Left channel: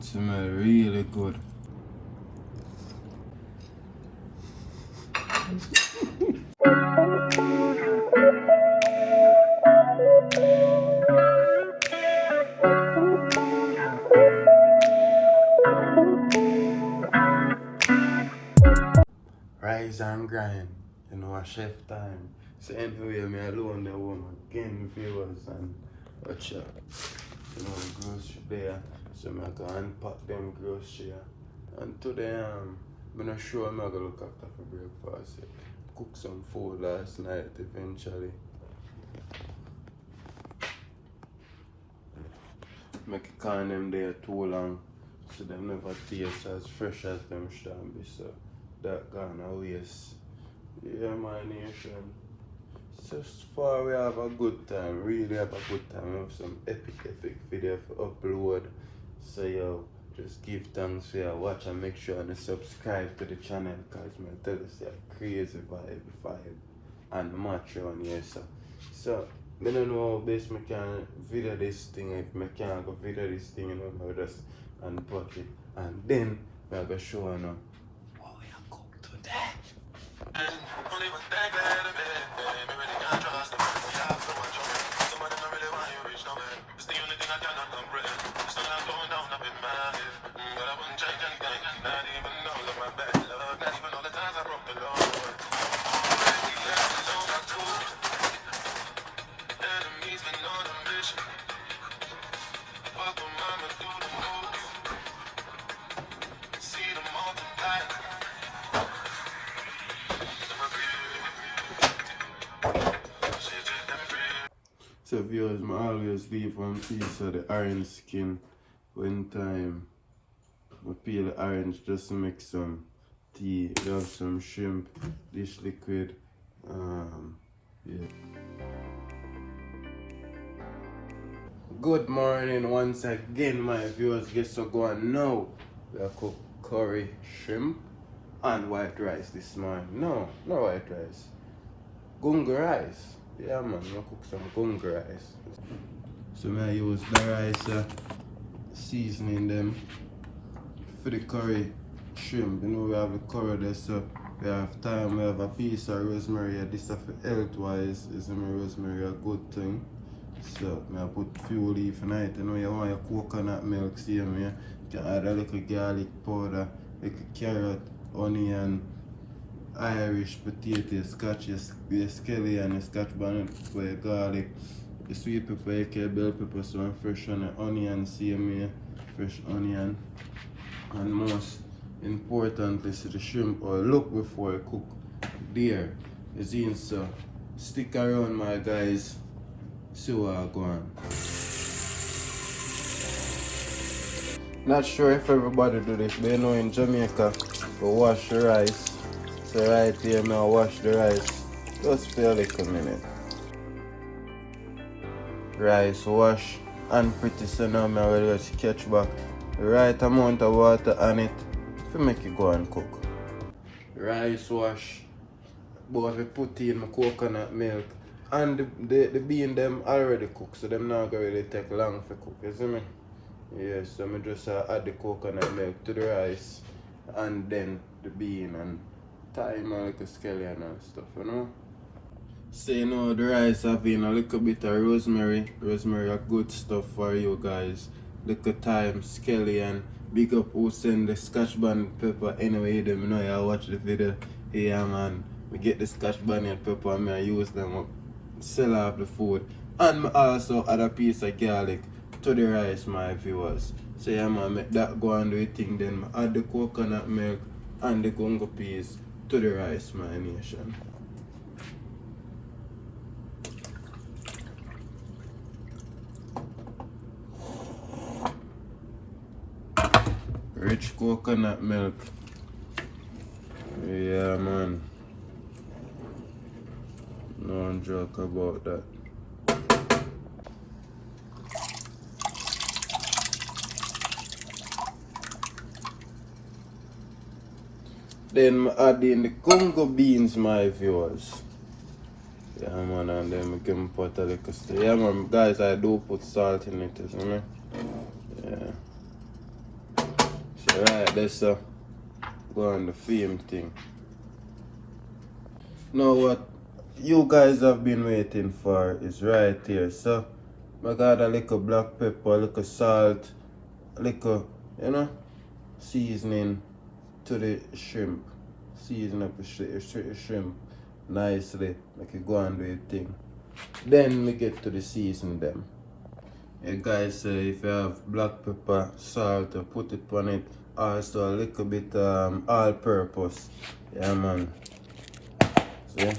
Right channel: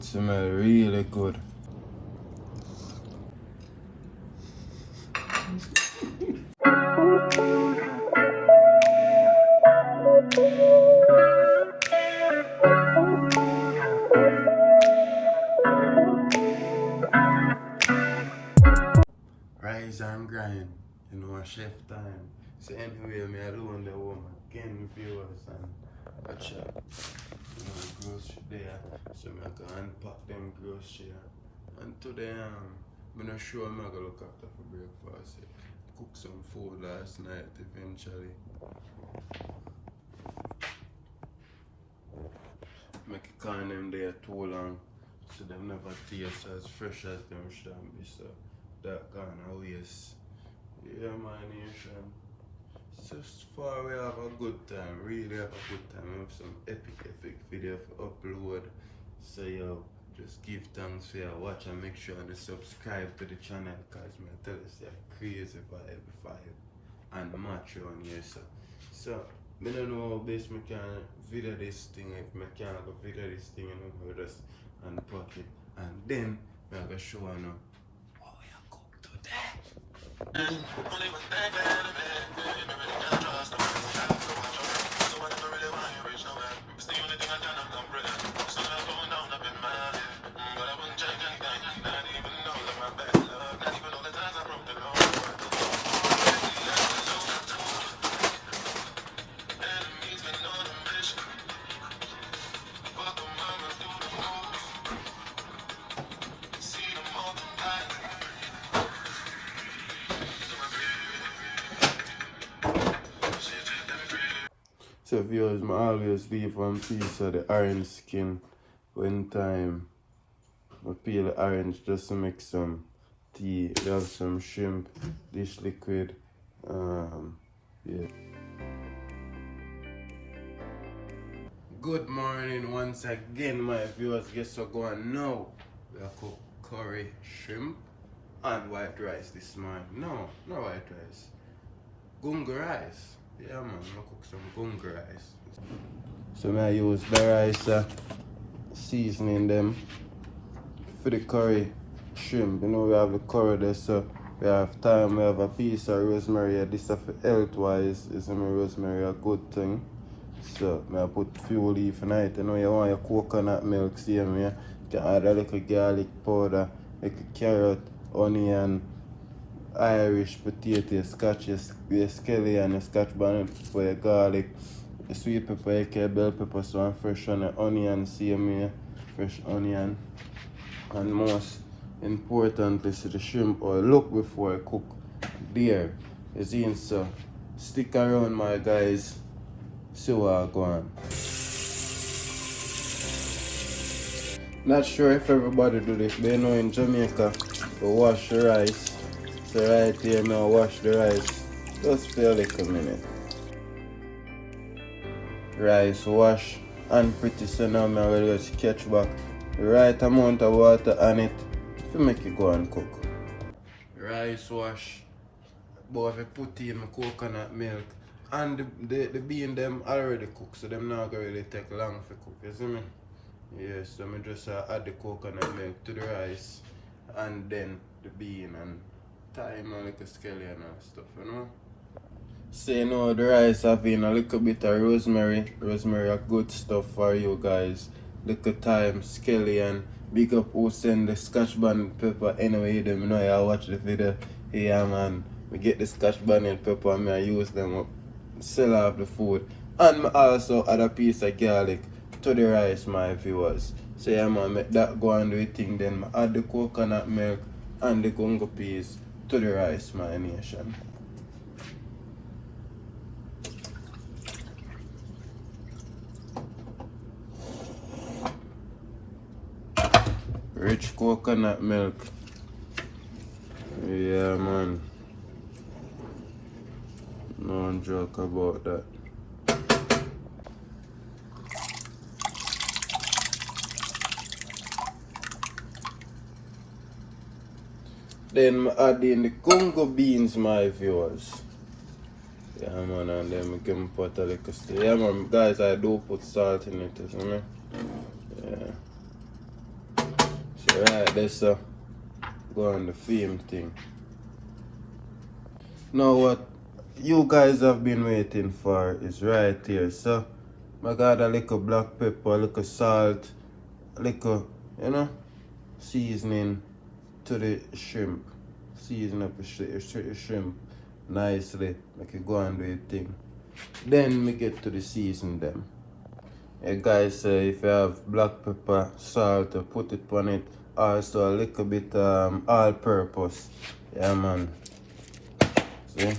food smell really good. Rise and grind, you know, a chef time. So anyway, me alone the home again, viewers, and watch out. You know, the grocery there. So I go unpack them grocery. And today I'm not sure I'm gonna look after for breakfast. Cook some food last night eventually. Make it can them there too long, so them never taste as fresh as them should be. So that gone a waste. Yeah, my nation. So far we have a good time, really have a good time. We have some epic video to upload. So yo, just give thanks for your watch and make sure to subscribe to the channel, cause I tell you it's a crazy vibe and match on here. So I don't know how best I can video this thing. If I can't go video this thing, you know, I just unpack it and then I'm gonna show you now what we are cook today. So viewers, I always leave one piece of the orange skin one time. I peel the orange just to make some tea. We have some shrimp, dish liquid. Yeah. Good morning once again, my viewers. Guess what going now? We are cook curry shrimp and white rice this morning. No white rice. Gunga rice. Yeah man, I cook some gunga rice. So I use the rice seasoning them for the curry shrimp. You know we have the curry there, so we have thyme, we have a piece of rosemary. This is for health wise, is rosemary a good thing. So I put few leaf in it. You know you want your coconut milk, see me. You can add a little garlic powder, little carrot, onion, Irish potato, scotch, your scallion, your scotch bonnet for your garlic, your sweet pepper, your bell pepper, so I'm fresh on the onion, see me, fresh onion. And most importantly, so the shrimp oil. Look before I cook. There is in, so stick around my guys, see what I go on. Not sure if everybody do this, but you know in Jamaica we wash the rice. So right here now wash the rice just for a little minute. Rice wash and pretty soon now I will just catch back the right amount of water on it to make it go and cook. Rice wash, but I put in my coconut milk and the bean them already cooked, so them not gonna really take long to cook, you see me? Yes, so I just add the coconut milk to the rice and then the bean and thyme and like a scallion and stuff, you know. So you know the rice having a little bit of rosemary. Rosemary are good stuff for you guys. Little thyme, scallion. Big up who send the scotch bonnet pepper. Anyway, them know I watch the video. Yeah man, we get the scotch bonnet pepper and I use them up, sell off the food. And I also add a piece of garlic to the rice, my viewers. So yeah man, make that go and do a thing, then I add the coconut milk and the gungo peas to the rice, my nation. Rich coconut milk. Yeah man. No joke about that. Then I add in the Congo beans, my viewers. Yeah man, and then we can put a little still. Yeah man, guys, I do put salt in it, you know? Yeah. So right, that's go on the film thing. Now what you guys have been waiting for is right here. So I got a little black pepper, a little salt, a little, you know, seasoning to the shrimp. Season up the shrimp nicely, make it go and do your thing. Then we get to the season them. Yeah guys, if you have black pepper, salt, put it on it. Also a little bit all-purpose. Yeah man. See?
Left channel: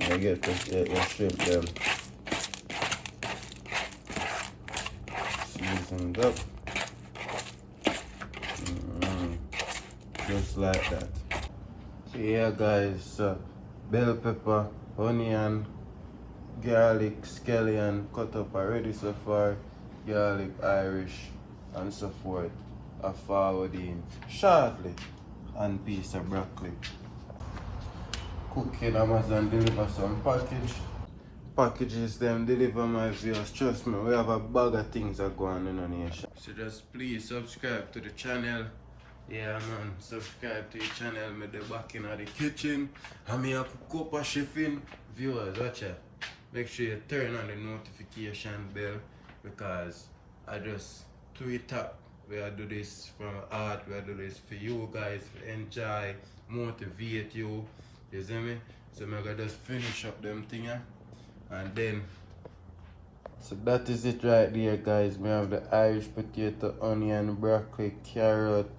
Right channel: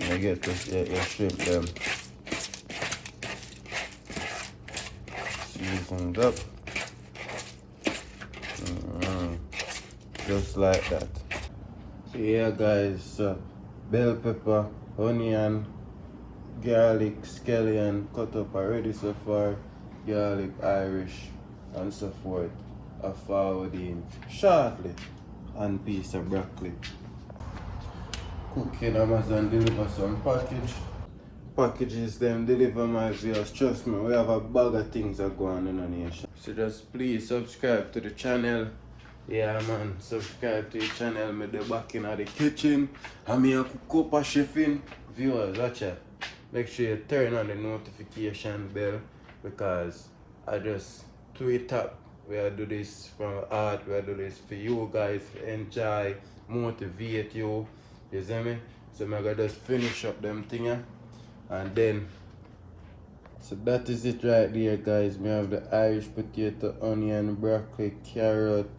I get the shrimp them seasoned up. Just like that. So yeah guys, bell pepper, onion, garlic, scallion cut up already so far, garlic, Irish and so forth are forward in shortly, and piece of broccoli. Cook in Amazon, deliver some packages them deliver my viewers. Trust me, we have a bag of things that go on in the nation. So just please subscribe to the channel. Yeah man, subscribe to the channel. Me the back in the kitchen. And me a cook up a chefing. Viewers, watch it. Make sure you turn on the notification bell, because I just tweet up. We do this from art, we do this for you guys to enjoy, motivate you. You see me? So I'm gonna just finish up them things. And then, so that is it right there guys. We have the Irish potato, onion, broccoli, carrot,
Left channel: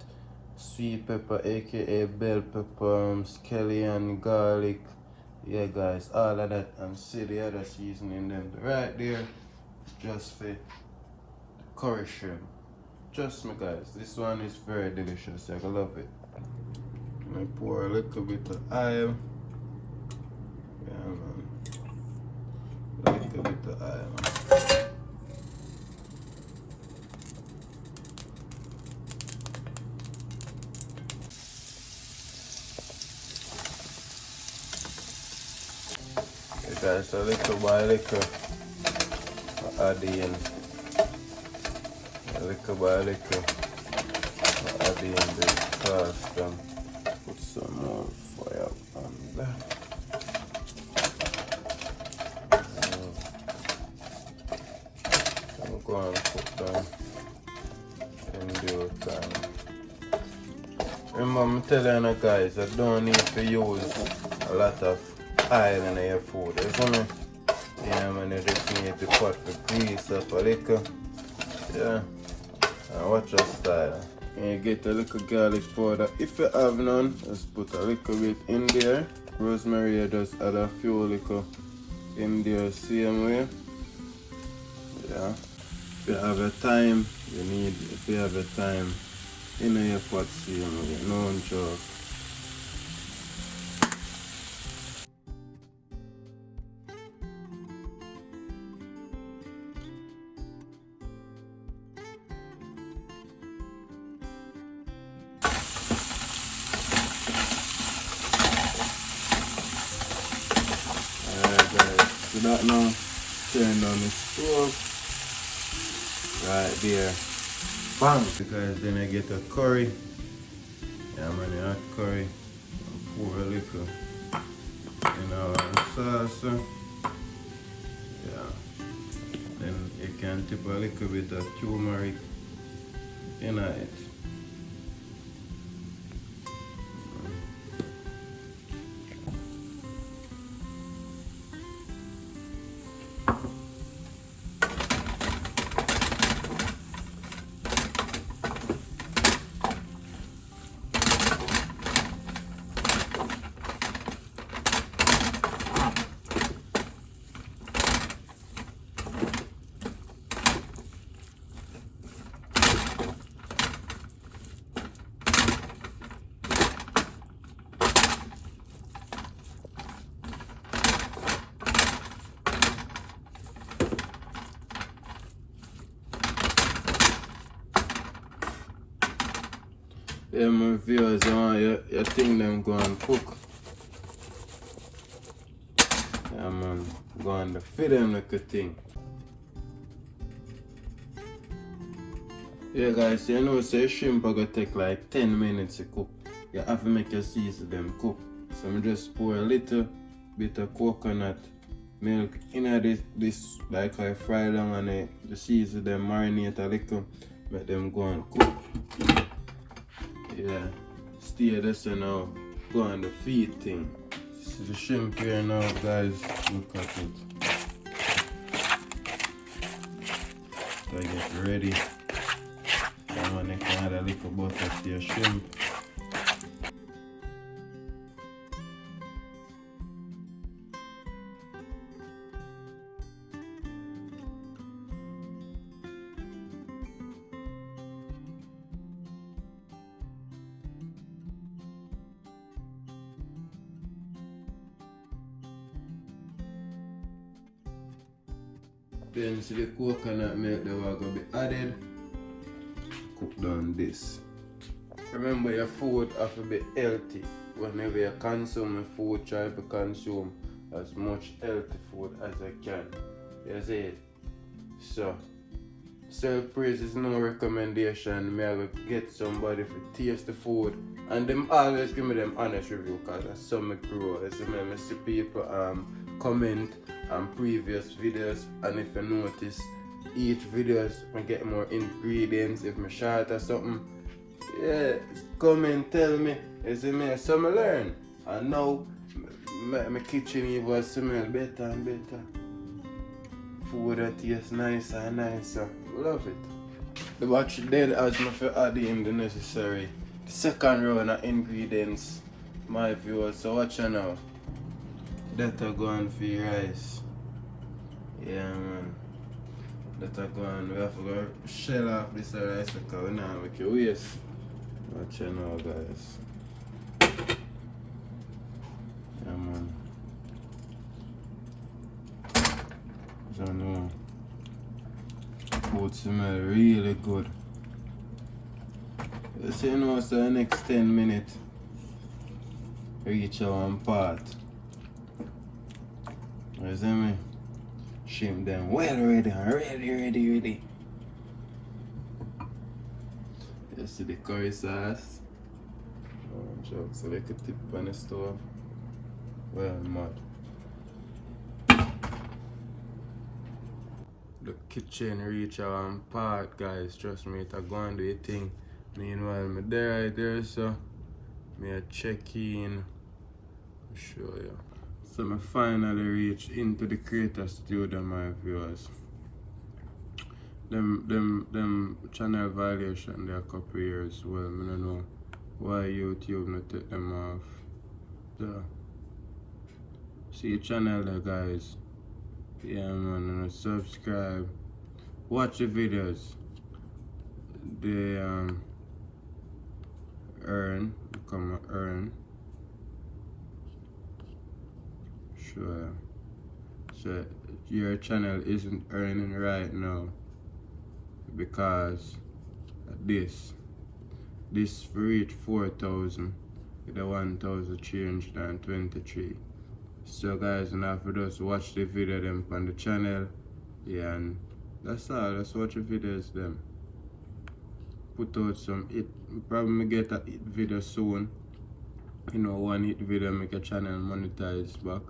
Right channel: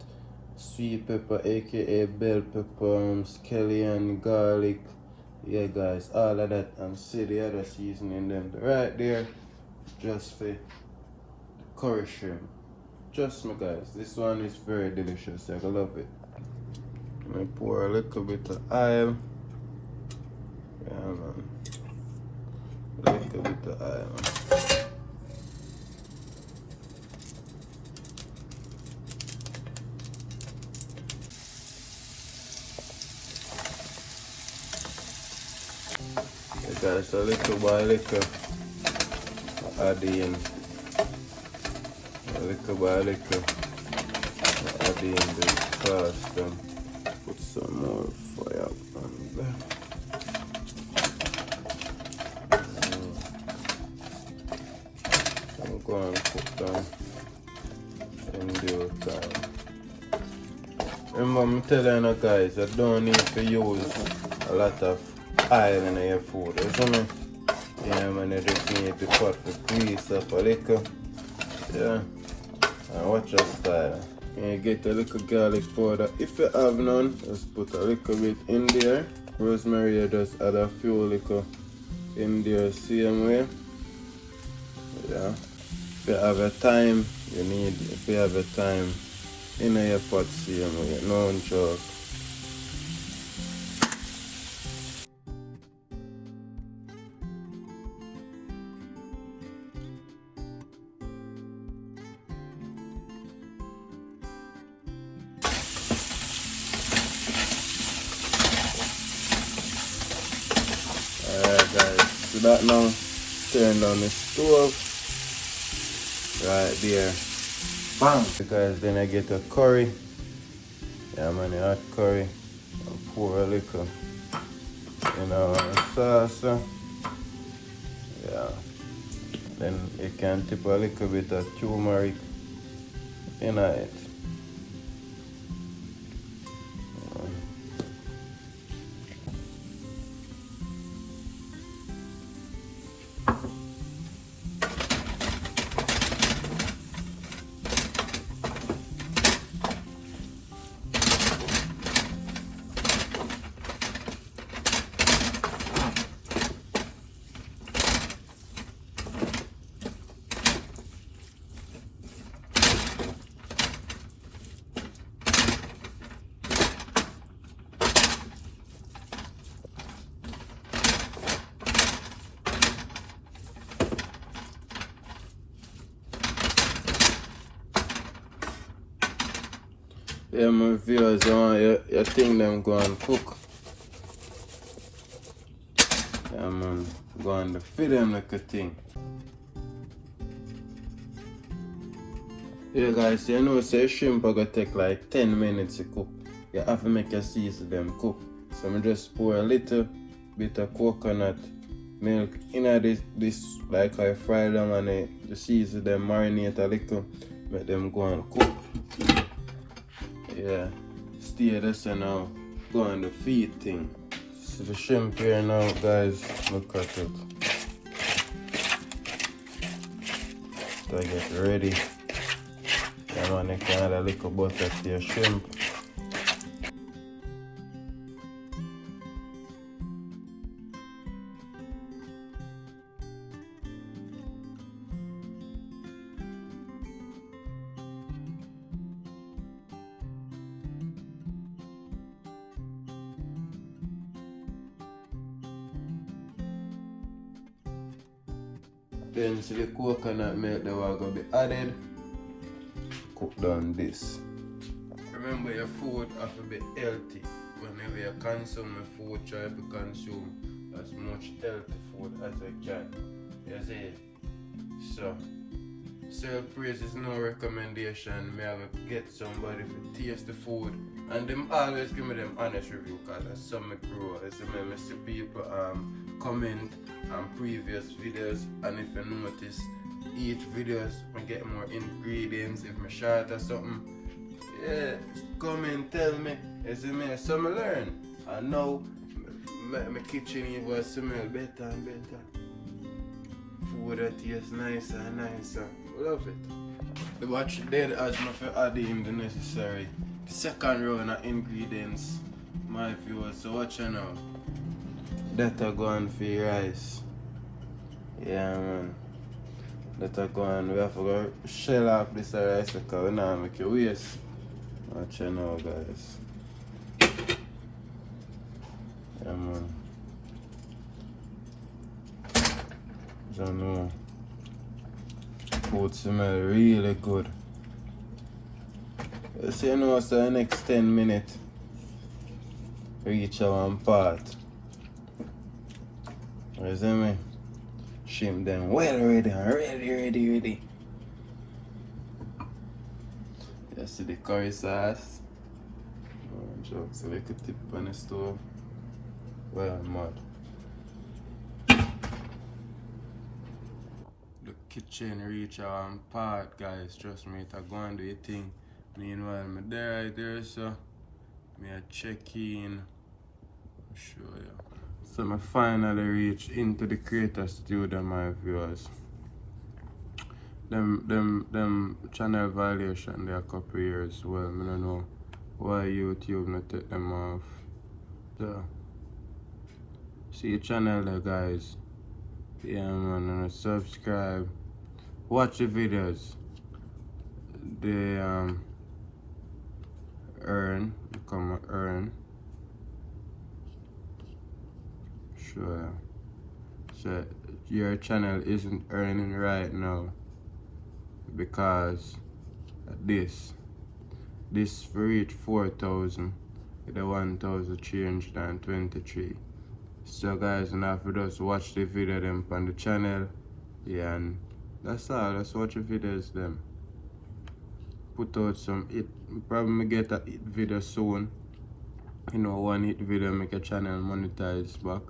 sweet pepper aka bell pepper, scallion, garlic. Yeah guys, all of that, and see the other seasoning them right there just for the curry shrimp. Trust me guys, this one is very delicious. I love it. I pour a little bit of oil. Yeah man. A little bit of oil, man. Yeah, guys, a little by little add in. A little by little add in the sauce. Put some more fire on that. I'm going to put them in due time. Remember, I'm telling you guys, I don't need to use a lot of oil in your food, isn't it? Yeah man, you just need to put the grease up a little. Yeah. And watch your style. You get a little garlic powder. If you have none, just put a little bit in there. Rosemary, you just add a few little in there same way. Yeah. If you have a thyme, if you have a thyme in your pot same way, no joke. Alright guys, so that now turn on the stove right there. Bang! So guys, then I get a curry. Yeah man, a hot curry. And pour a little, you know, sauce. Yeah. Then you can tip a little bit of turmeric in it. Yeah, my viewers, you think them go and cook. Yeah, man, go and feed them like a thing. Yeah guys, you know say shrimp are gonna take like 10 minutes to cook. You have to make your season them cook. So I just pour a little bit of coconut milk in this like I fry them and the season them marinate a little, make them go and cook. Yeah, stay this and now go on the feed thing. So the shrimp here now guys, look at it. So I get ready. I want to add a little butter to your shrimp. Then see the coconut milk that are going to be added. Cook down this. Remember your food have to be healthy. Whenever you consume food, try to consume as much healthy food as you can. You see it? So, self-praise is no recommendation. Me I will get somebody to taste the food. And them always give me them honest review because that's some me grow. I see people comment on previous videos, and if you notice each videos I get more ingredients if me short or something. Yeah, come and tell me. You see me, so I learn. And now my kitchen even smell better and better. Food that tastes nicer and nicer. Love it. The watch dead as me for add in the necessary second round of ingredients, my viewers. So watch you now. That are going for your rice. Yeah man. That are going, we have to go shell off this rice because we now make it waste. Watch you now guys. Yeah man. So now food smell really good. You see you know so the next 10 minutes reach our part. You see me? Shrimp them well ready and ready. You see the curry sauce. Just a little tip on the stove. Well mud. The kitchen reach our part guys. Trust me, it's going to do a thing. Meanwhile, I'm there right there, so me a check in. I'll show you. So I finally reached into the creator studio, my viewers. Them channel violation there a couple years. Well, I don't know why YouTube not take them off. So, see your channel there guys. Yeah man, and subscribe. Watch the videos. They earn. Sure. So your channel isn't earning right now because this reach 4,000 with a 1,323. So guys, now if you just watch the video them on the channel, yeah, and that's all. Just watch the videos them. Put out some hit. Probably get a hit video soon. You know, one hit video make a channel monetize back.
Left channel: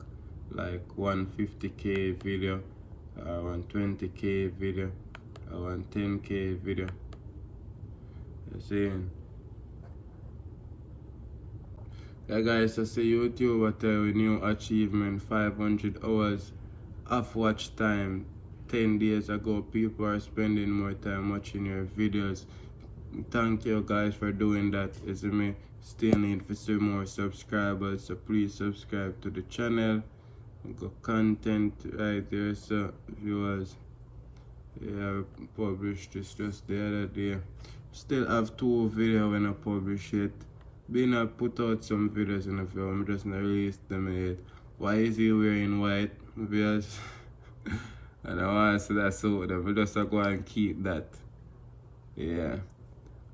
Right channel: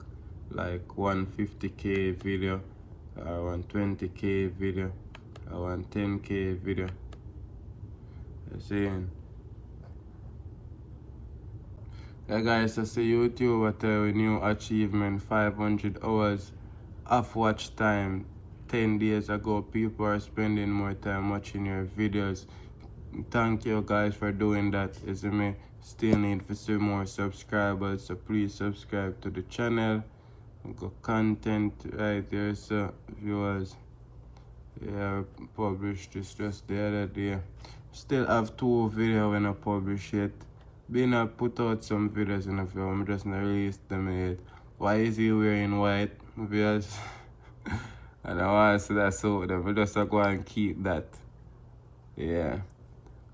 Like 150k video, or 120k video, or 110k video. You see? Yeah guys, I see YouTube what a new achievement, 500 hours of watch time. 10 days ago, people are spending more time watching your videos. Thank you guys for doing that. You see me? Still need to see more subscribers, so please subscribe to the channel. We got content right there, so viewers. Yeah, published this just the other day. Still have 2 videos when I publish it. Been I put out some videos in the film, just not released them yet. Why is he wearing white? Because I don't want to see that so we just go and keep that. Yeah.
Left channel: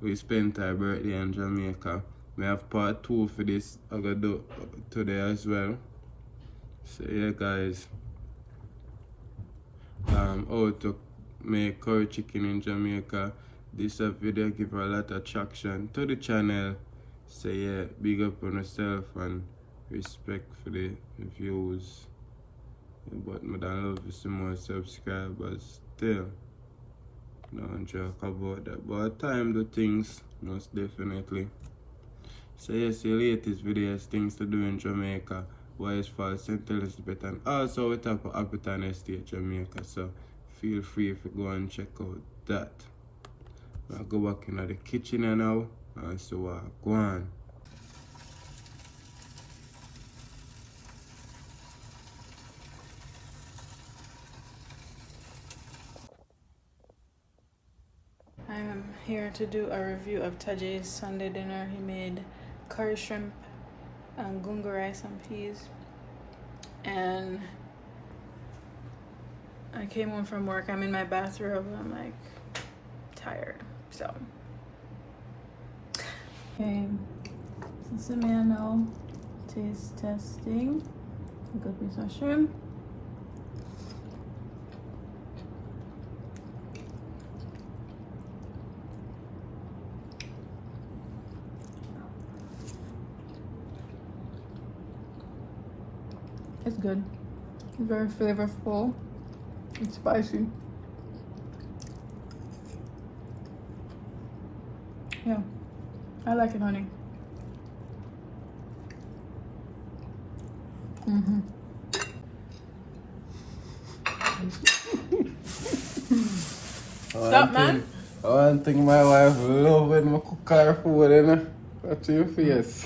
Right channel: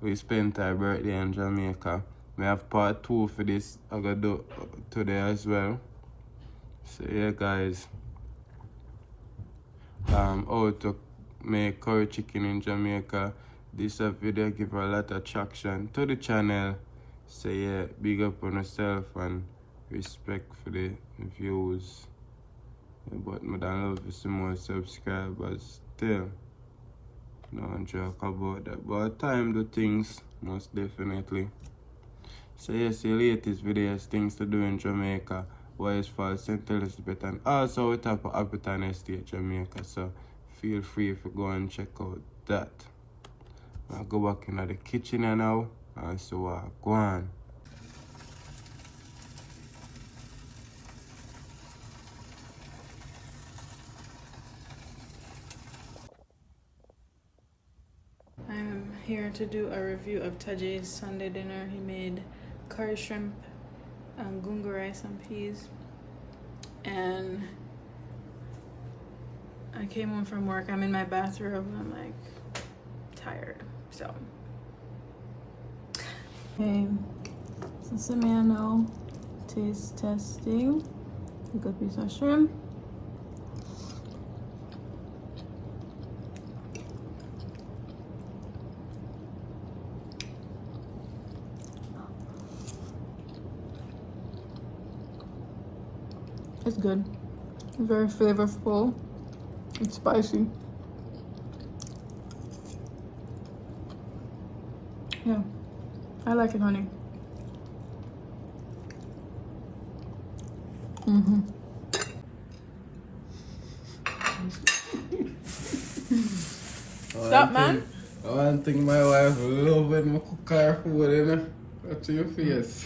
We spent our birthday in Jamaica. We have part 2 for this I'm gonna do today as well. So yeah guys. How to make curry chicken in Jamaica. this video give a lot of traction to the channel. So yeah, big up on yourself and respect for the views. But I don't love to see more subscribers still. No joke about that. But time do things, most definitely. So yes, the latest videos, things to do in Jamaica, Wise Falls, St. Elizabeth, and also we talk about Appleton Estate, Jamaica. So feel free to go and check out that. I'll go back into the kitchen now and so go on. I'm here to do a review of Tajay's Sunday dinner. He made curry shrimp, gunga rice and peas. And I came home from work. I'm in my bathrobe. I'm like tired. So, okay. So some now taste testing. A good piece of shrimp. It's good. Very flavorful. It's spicy. Yeah, I like it, honey. Stop, man. I think my wife love when I cook her food, you know? That's your face.